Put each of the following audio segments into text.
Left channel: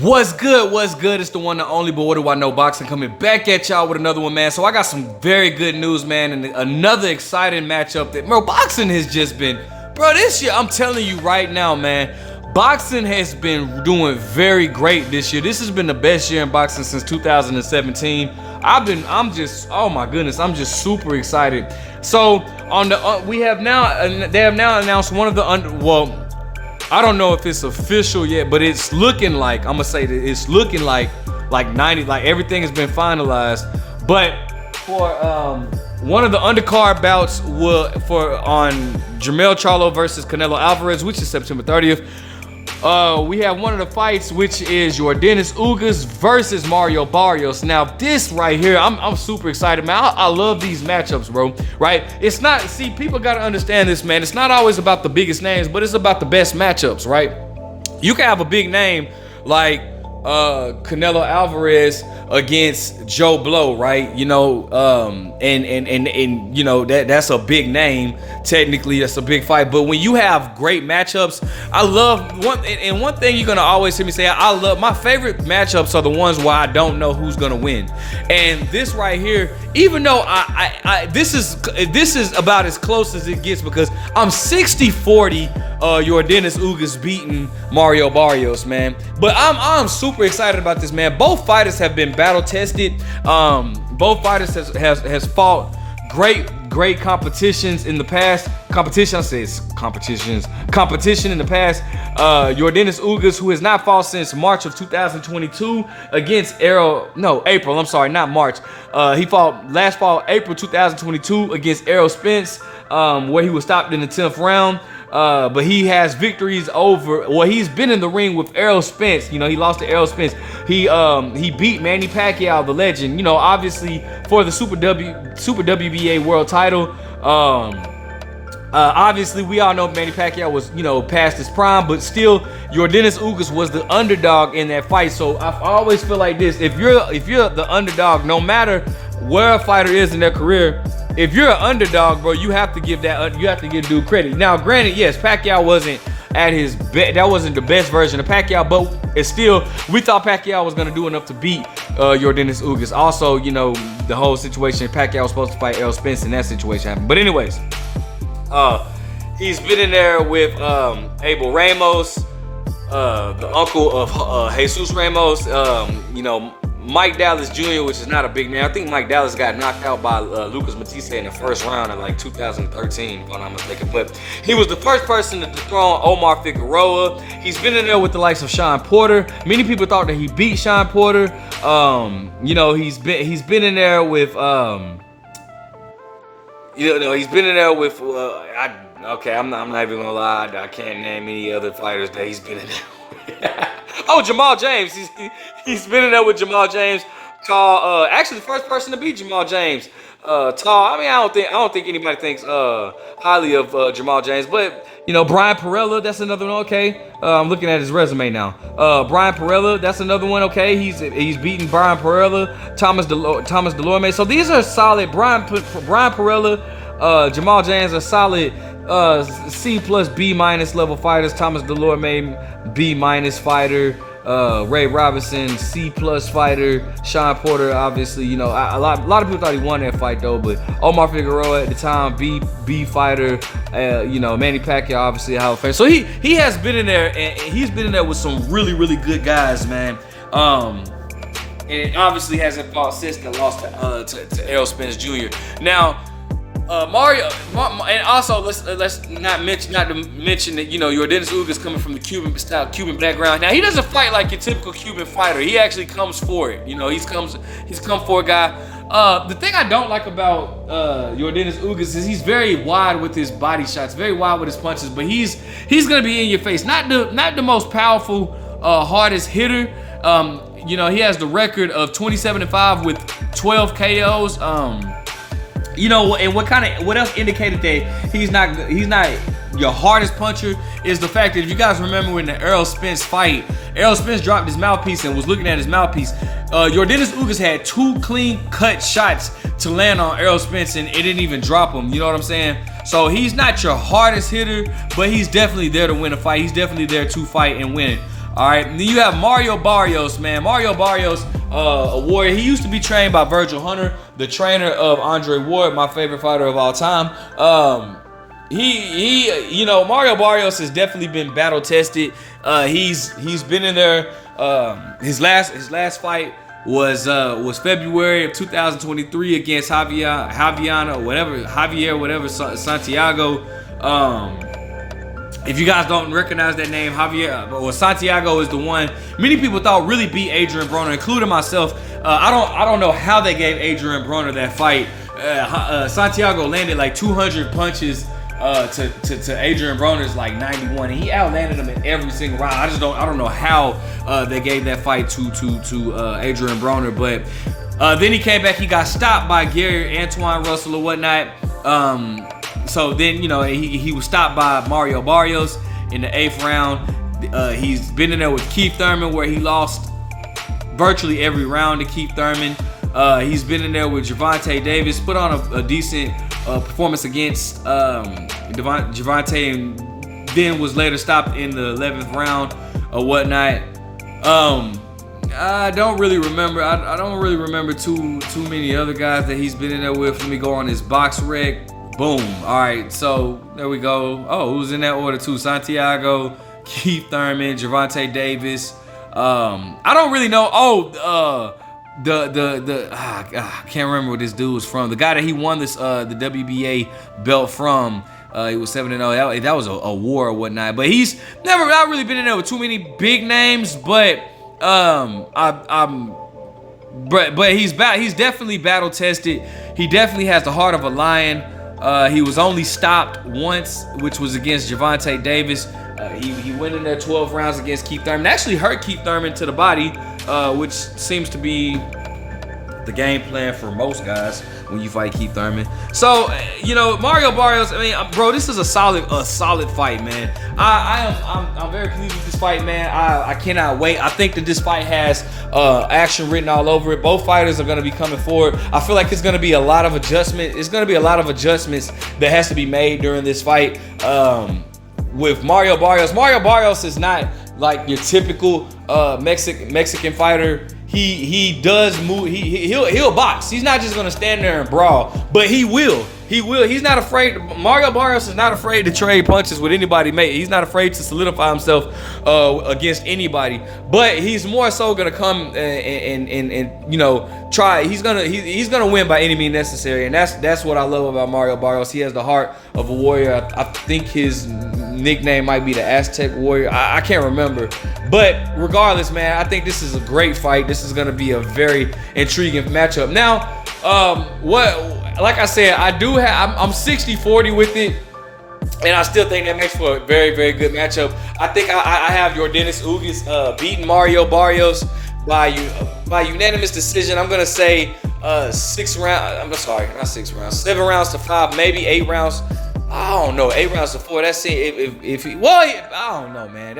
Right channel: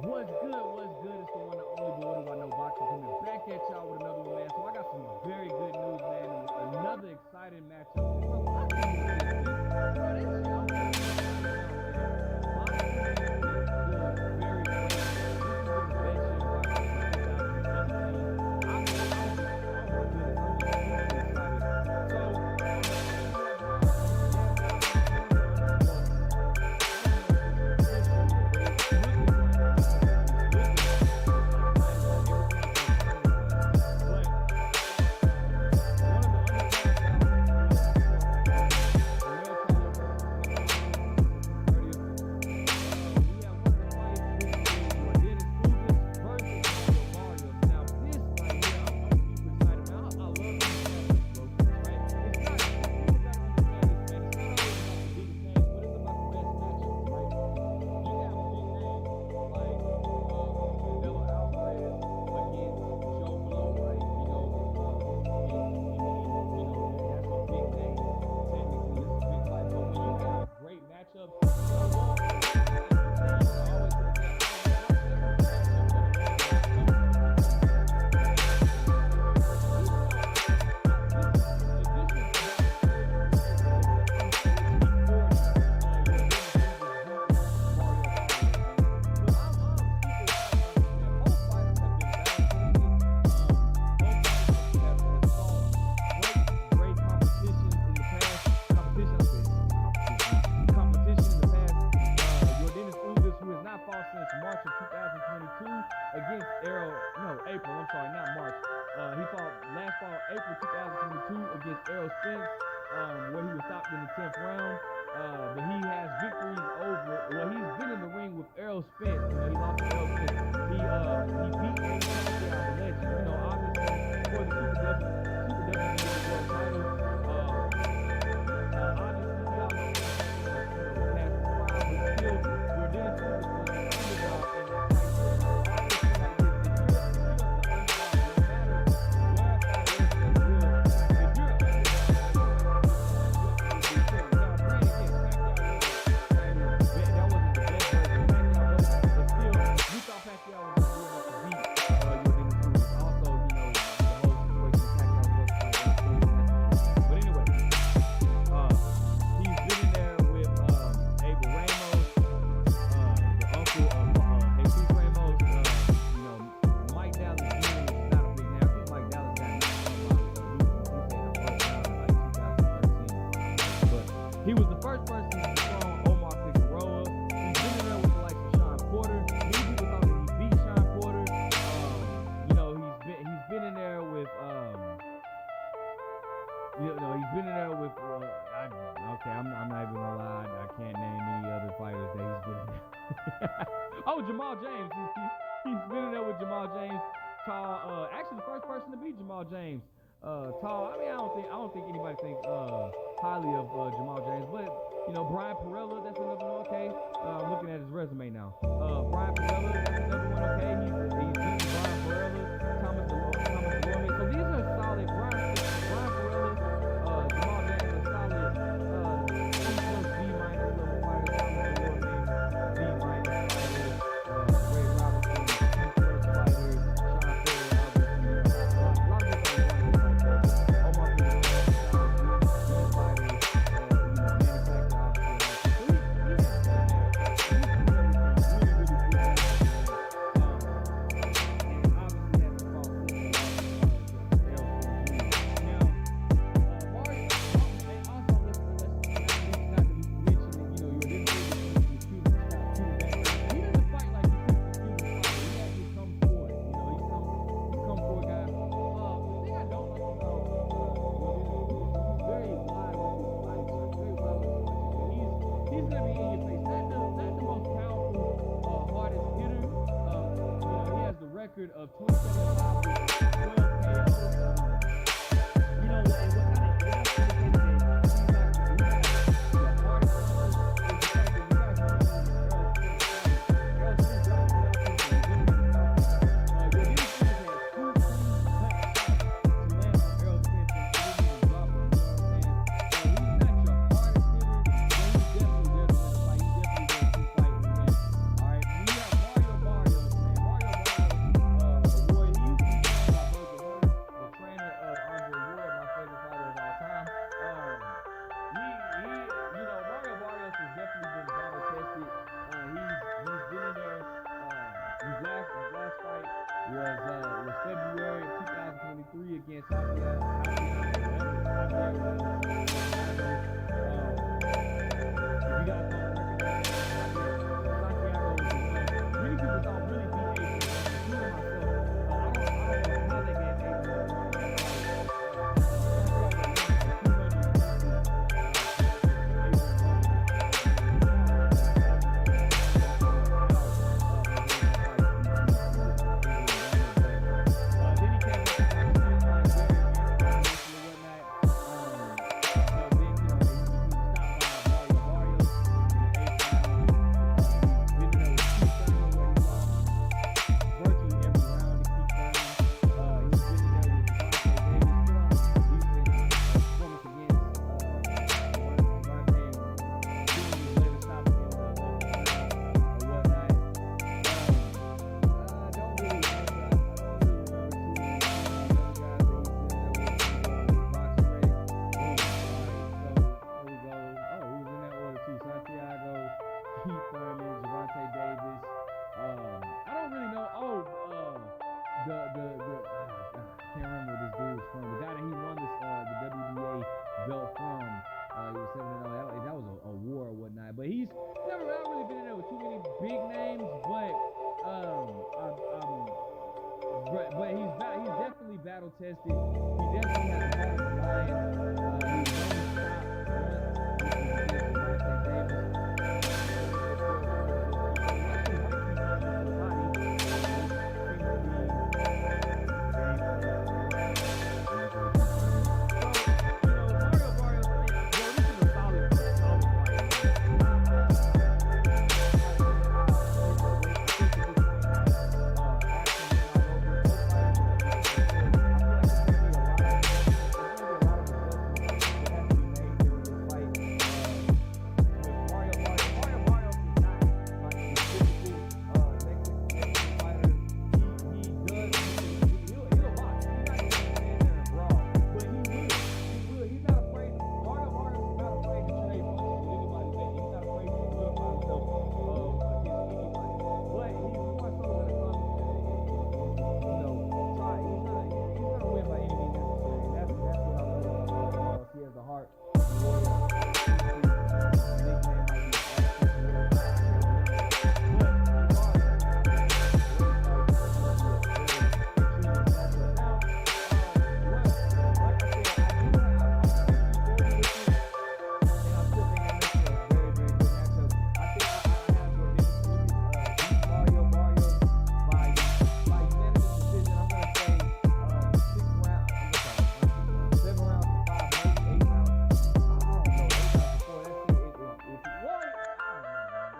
What's good? What's good? It's the one and only, but what do I know? Boxing coming back at y'all with another one, man. So I got some very good news, man, and another exciting matchup that, bro, boxing has just been, bro, this year, I'm telling you right now, man, boxing has been doing very great this year. This has been the best year in boxing since 2017. I'm just, oh my goodness, I'm just super excited. So on the, they have now announced one of the I don't know if it's official yet, but it's looking like, I'm gonna say that it's looking like 90, like everything has been finalized. But for one of the undercard bouts on Jermell Charlo versus Canelo Alvarez, which is September 30th, we have one of the fights, which is Yordenis Ugas versus Mario Barrios. Now this right here, I'm super excited, man. I love these matchups, bro, right? It's not, see, people gotta understand this, man. It's not always about the biggest names, but it's about the best matchups, right? You can have a big name like Canelo Alvarez against Joe Blow, right? You know, and you know, that's a big name. Technically, that's a big fight. But when you have great matchups, I love one thing you're gonna always hear me say, I love my favorite matchups are the ones where I don't know who's gonna win. And this right here, even though this is about as close as it gets, because I'm 60-40 Yordenis Ugas beating Mario Barrios, man. But I'm super excited about this, man. Both fighters have been battle tested. Both fighters has fought great competitions in the past. Competition in the past. Yordenis Ugas, who has not fought since March of 2022 against April, I'm sorry, not March. He fought last fall, April 2022 against Errol Spence, where he was stopped in the 10th round. But he has victories over, well, he's been in the ring with Errol Spence. You know, he lost to Errol Spence. He beat Manny Pacquiao, the legend, you know, obviously for the Super WBA world title. Obviously we all know Manny Pacquiao was, you know, past his prime, but still Yordenis Ugas was the underdog in that fight. So I always feel like this: if you're the underdog, no matter where a fighter is in their career, if you're an underdog, bro, you have to give due credit. Now, granted, yes, Pacquiao wasn't at his best. That wasn't the best version of Pacquiao, but it's still, we thought Pacquiao was gonna do enough to beat Yordenis Ugas. Also, you know, the whole situation, Pacquiao was supposed to fight Errol Spence, and that situation happened. But anyways, he's been in there with Abel Ramos, the uncle of Jesus Ramos, you know, Mike Dallas Jr., which is not a big name. I think Mike Dallas got knocked out by Lucas Matisse in the first round in like 2013, if I'm not mistaken. But he was the first person to dethrone Omar Figueroa. He's been in there with the likes of Sean Porter. Many people thought that he beat Sean Porter. You know, he's been in there with he's been in there with I'm not even gonna lie, I can't name any other fighters that he's been in there with. Oh, Jamal James. He's been in there with Jamal James. Tall, actually the first person to beat Jamal James. Tall. I mean, I don't think anybody thinks highly of Jamal James, but you know, Brian Perella, that's another one. Okay, I'm looking at his resume now. Brian Perella, that's another one. Okay, he's beaten Brian Perella, Thomas Delorme. So these are solid. Brian Perella, Jamal James are solid C+ B- level fighters. Thomas Delorme, B- fighter. Ray Robinson, C+ fighter. Sean Porter, obviously, you know, a lot of people thought he won that fight though, but Omar Figueroa at the time, B fighter. You know, Manny Pacquiao, obviously, Hall of Fame. So he has been in there, and he's been in there with some really good guys, man. And obviously hasn't fought since the loss to Errol Spence Jr. Now, Mario, and also let's not mention that, you know, Yordenis Ugas coming from the Cuban background. Now he doesn't fight like your typical Cuban fighter. He actually comes for it. You know, he's come for a guy. The thing I don't like about Yordenis Ugas is he's very wide with his body shots, very wide with his punches, but he's gonna be in your face. Not the most powerful, hardest hitter. You know, he has the record of 27-5 with 12 KOs. You know, and what else indicated that he's not your hardest puncher is the fact that, if you guys remember in the Errol Spence fight, Errol Spence dropped his mouthpiece and was looking at his mouthpiece. Yordenis Ugas had 2 clean cut shots to land on Errol Spence, and it didn't even drop him. You know what I'm saying? So he's not your hardest hitter, but he's definitely there to win a fight. He's definitely there to fight and win it. All right, and then you have Mario Barrios, man. Mario Barrios, a warrior. He used to be trained by Virgil Hunter, the trainer of Andre Ward, my favorite fighter of all time. You know, Mario Barrios has definitely been battle tested. He's been in there. His last fight was February of 2023 against Javier Santiago. If you guys don't recognize that name, Javier or Santiago is the one many people thought really beat Adrian Broner, including myself. I don't know how they gave Adrian Broner that fight. Santiago landed like 200 punches to Adrian Broner's like 91. He outlanded him in every single round. I don't know how they gave that fight to Adrian Broner, but then he came back. He got stopped by Gary Antoine Russell or whatnot. So then, you know, he was stopped by Mario Barrios in the 8th round. He's been in there with Keith Thurman, where he lost virtually every round to Keith Thurman. He's been in there with Gervonta Davis, put on a decent performance against Gervonta, and then was later stopped in the 11th round or whatnot. I don't really remember. I don't really remember too many other guys that he's been in there with. Let me go on his box rec. Boom. All right, so there we go. Oh, who's in that order too? Santiago, Keith Thurman, Gervonta Davis. I don't really know. I can't remember where this dude was from. The guy that he won this the WBA belt from. He was 7-0. That was a war or whatnot. But he's not really been in there with too many big names. But he's definitely battle tested. He definitely has the heart of a lion. He was only stopped once, which was against Gervonta Davis. He went in there 12 rounds against Keith Thurman. Actually hurt Keith Thurman to the body, which seems to be the game plan for most guys when you fight Keith Thurman. So, you know, Mario Barrios, I mean, bro, this is a solid fight, man. I'm very pleased with this fight, man. I cannot wait. I think that this fight has action written all over it. Both fighters are going to be coming forward. I feel like it's going to be a lot of adjustment. It's going to be a lot of adjustments that has to be made during this fight. With Mario Barrios. Mario Barrios is not like your typical Mexican fighter. He does move. He'll box. He's not just gonna stand there and brawl, but he will. He's not afraid. Mario Barrios is not afraid to trade punches with anybody, mate. He's not afraid to solidify himself against anybody. But he's more so gonna come and you know, try. He's gonna win by any means necessary, and that's what I love about Mario Barrios. He has the heart of a warrior. I think his nickname might be the Aztec Warrior. I can't remember. But regardless, man, I think this is a great fight. This is going to be a very intriguing matchup. Now, like I said, I'm 60-40 with it. And I still think that makes for a very, very good matchup. I think I have Yordenis Ugas beating Mario Barrios by unanimous decision. I'm going to say 7 rounds to 5, maybe 8 rounds. I don't know, 8 rounds to 4. That's it. I don't know, man.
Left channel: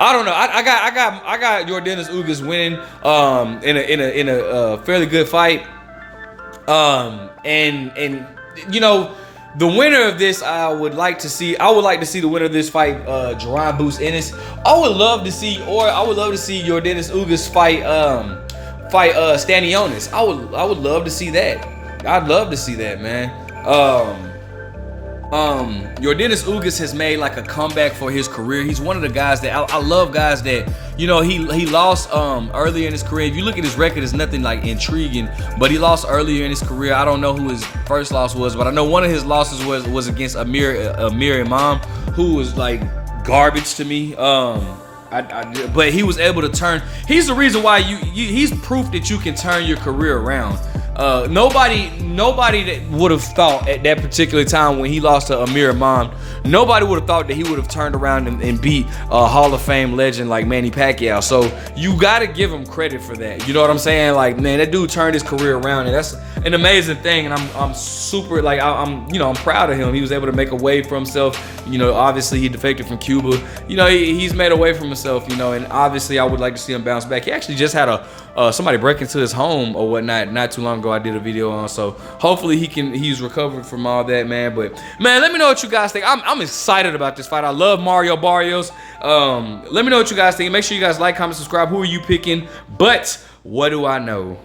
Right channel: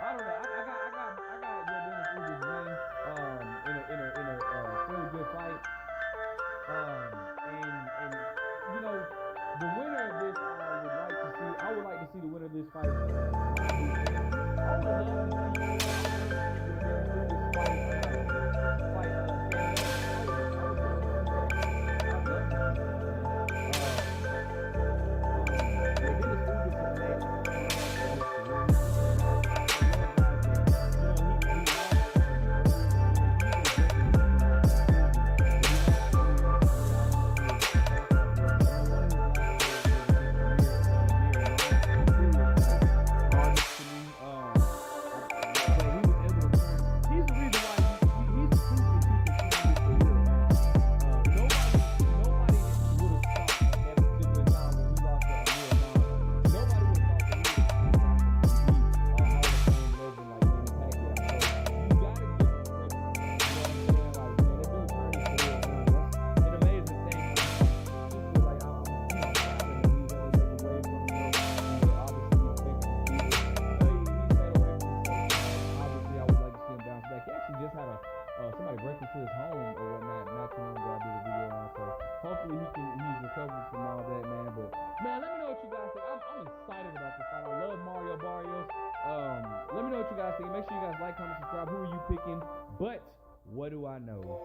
I don't know. I got Yordenis Ugas winning in a fairly good fight. And you know, the winner of this, I would like to see the winner of this fight, Jerron Boots Ennis. I would love to see Yordenis Ugas fight Stanionis. I would love to see that. I'd love to see that, man. Yordenis Ugas has made like a comeback for his career. He's one of the guys that I love, guys that, you know, he lost earlier in his career. If you look at his record, it's nothing like intriguing, but he lost earlier in his career. I don't know who his first loss was, but I know one of his losses was against Amir Imam, who was like garbage to me. But he was able to turn. He's the reason why he's proof that you can turn your career around. Nobody that would have thought at that particular time when he lost to Amir Imam, nobody would have thought that he would have turned around and beat a Hall of Fame legend like Manny Pacquiao. So you got to give him credit for that. You know what I'm saying? Like, man, that dude turned his career around, and that's an amazing thing. And I'm super, like, I'm proud of him. He was able to make a way for himself. You know, obviously he defected from Cuba. You know, he's made a way for himself. You know, and obviously I would like to see him bounce back. He actually just had somebody break into his home or whatnot not too long ago. I did a video on, so hopefully he's recovered from all that, man. But man, let me know what you guys think. I'm excited about this fight. I love Mario Barrios. Let me know what you guys think. Make sure you guys like, comment, subscribe. Who are you picking? But what do I know?